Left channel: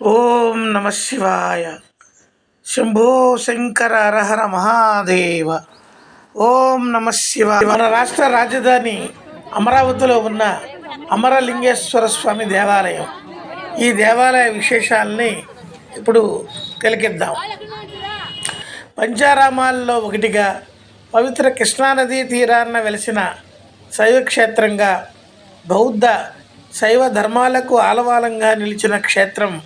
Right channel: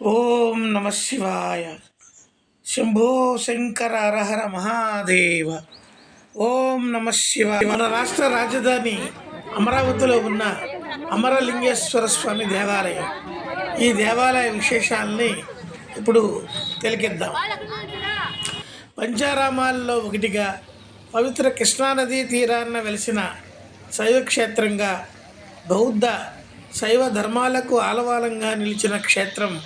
ఓం నమ శివాయ. శంభో శంకర హరహర మహాదేవ. ఓం నమ శివాయ. మన రాష్ట్ర రాజధాని అమరావతిలో ఉన్న అమరలింగేశ్వర స్వామి దేవాలయం. ఈ దేవాలయ విశేషాలని ఇప్పుడు తిలకిద్దాం. పంచారామాల్లో ఒకటిగా పవిత్ర కృష్ణానదీ తీరాన వెలిసిన శైవక్షేత్రంగా, బౌద్ధ శైవ ధర్మాలకు ఆలవాలంగా నిలిచిన క్షేత్రం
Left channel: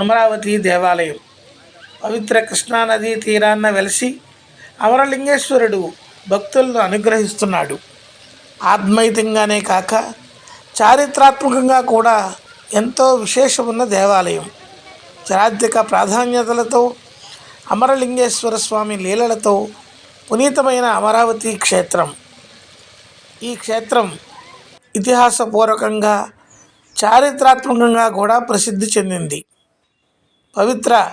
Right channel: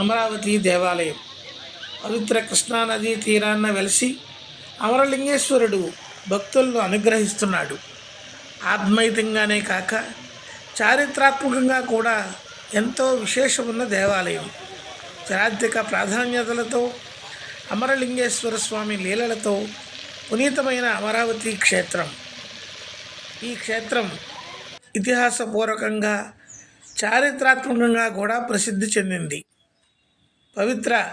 అమరావతి దేవాలయం. పవిత్ర కృష్ణానదీ తీరాన వెలిసి అమరలింగేశ్వరుడు భక్తులను అనుగ్రహిస్తున్నాడు. ఆత్మైతంగానే కాక చారిత్రాత్మకంగా కూడా ఎంతో విశేషమున్న దేవాలయం. చారిత్రక ప్రాధాన్యతలతో, అమరలింగేశ్వర స్వామి లీలలతో పునీతమైన అమరావతి క్షేత్రం. ఈ క్షేత్రం ఇతిహాసపూర్వకంగా, చారిత్రాత్మకంగా కూడా ప్రసిద్ధి చెందింది. పవిత్ర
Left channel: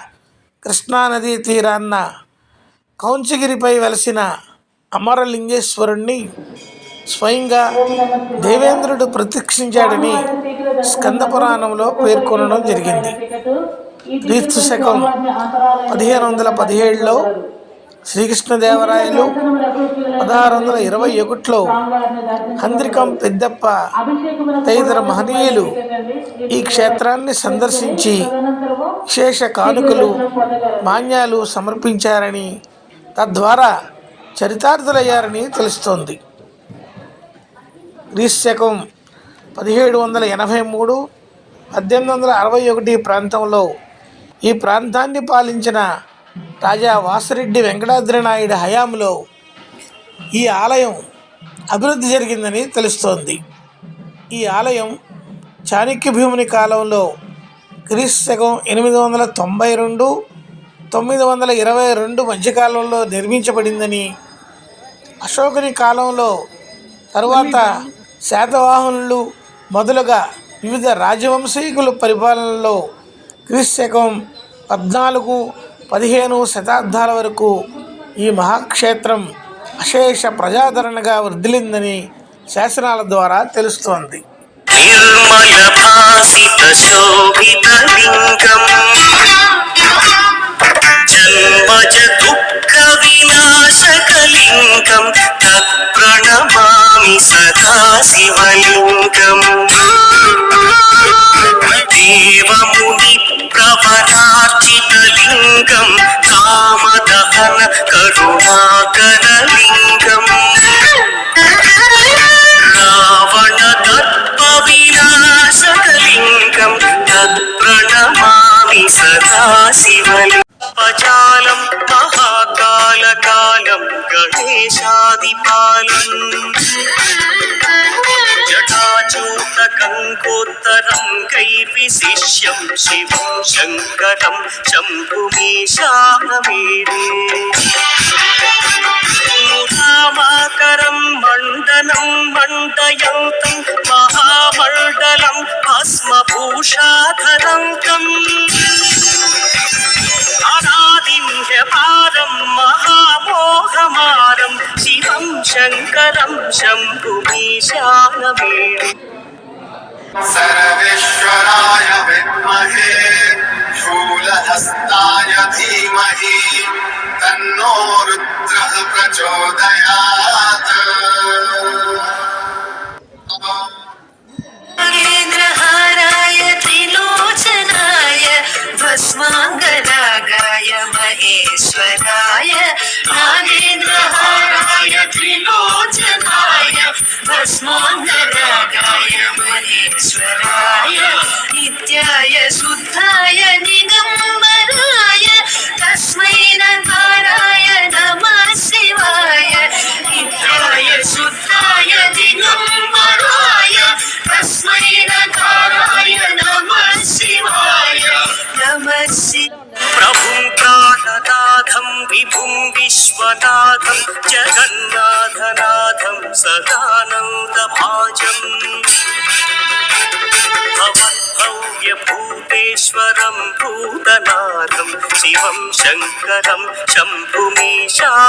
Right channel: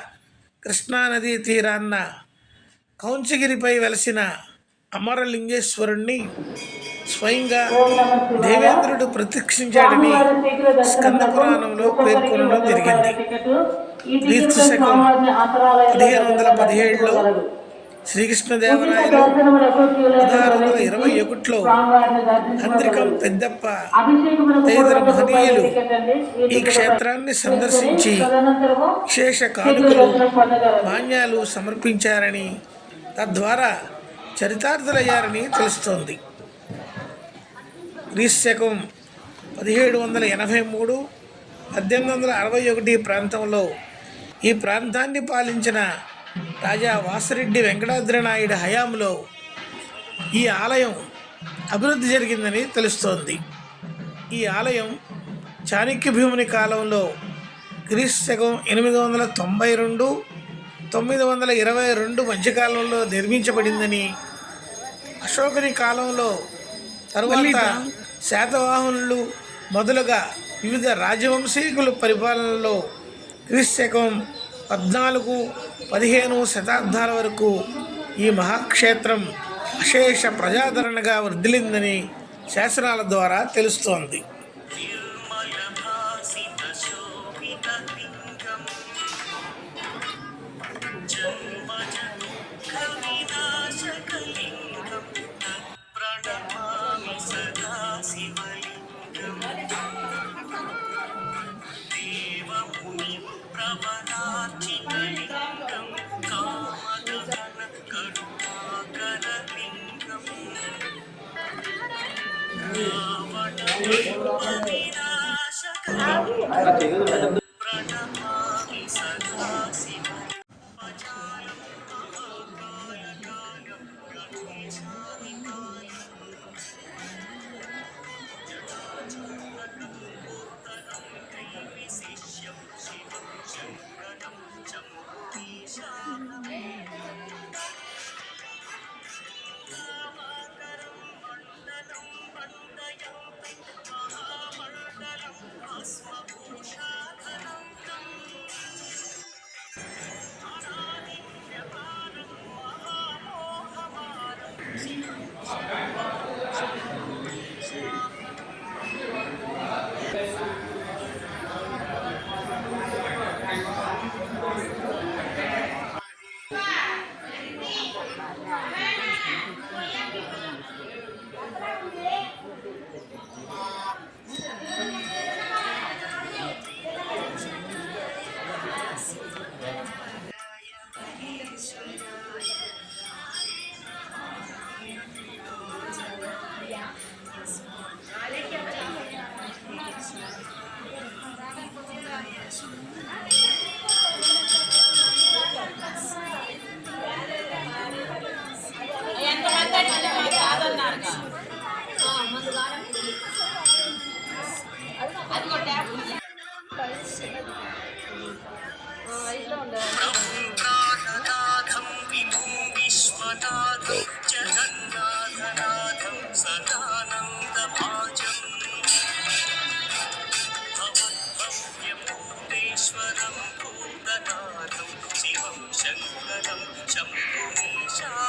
కృష్ణానదీ తీరాన కౌంచగిరిపై వెలసిన అమరలింగేశ్వరుణ్ణి స్వయంగా దేవేంద్రుడు ప్రత్యక్షించాడని స్కంద పురాణంలో పేర్కొనడం జరిగింది. క్రీస్తు శకం 1517లో శ్రీకృష్ణదేవరాయలు, 1621లో హంద్రికం పెద్దప్ప తదితర మహనీయులు ఈ క్షేత్రాన్ని సందర్శించి విశేష కానుకలు, మాన్యాలు సమర్పించారని, తద్వారా చరితార్థులయ్యారని తెలుస్తోంది. క్రీస్తు శకం 1783, 1861 ప్రాంతంలో ఈ ప్రాంతాన్ని పాలించిన రాజా వాసిరెడ్డి వెంకటాద్రి నాయుడు హయాంలో ఈ ఆలయం అభివృద్ధి జరిగిందని తెలుస్తోంది. ఈ ఆలయం చాణక్య భీముని కాలంలో క్రీస్తు శకం 892, 922 మధ్యకాలంలో నిర్మించబడిందని, అశోకుని కాలంలో తరువాత శాతవాహనులు మొదలుగా వివిధ రాజవంశీకుల పరిపాలనలో క్రీస్తు శకం 14, 15 శతాబ్దాల వరకు ఈ మహాక్షేత్రం అశేష ప్రజాదరణగా వర్ధిల్లిందని శాసనాల ద్వారా తెలుస్తోంది. దేవముని ప్రవరార్చితలింగం కామదహన కరుణాకరలింగం రావణ దర్ప వినాశకలింగం తత్ప్రణమామి సదా శివలింగం. పచాలం మహాకాలకాలం గణేశాదిపాలం గంగోత్తరం కైర్విశిష్యం శివం శంకరం శంభుమీశానమేరే. మురామాకరం మండనం మండయంతం మహామండలం భస్మభూషాధరంతం అనాదిన్యపారం మహామోహమారం శివం శంకరం శంభుమీశానమేరే. सर्वेश्वराय विद्महे शूलहस्ताय धीमहि तन्नो रुद्रः प्रचोदयात्. नागेन्द्रहाराय त्रिलोचनाय भस्माङ्गरागाय महेश्वराय. नागेन्द्रहाराय त्रिलोचनाय भस्माङ्गरागाय महेश्वराय. नित्याय शुद्धाय दिगम्बराय तस्मै नकाराय नमः शिवाय. नित्याय शुद्धाय दिगम्बराय तस्मै नकाराय नमः शिवाय. नमः शिवाय. प्रभुं प्राणनाथं विभुं विश्वनाथं जगन्नाथनाथं सदानन्दभाजम् भव्यभूतेश्वरं भूतनाथं शिवं शङ्करं शम्भुमीशानमेरे.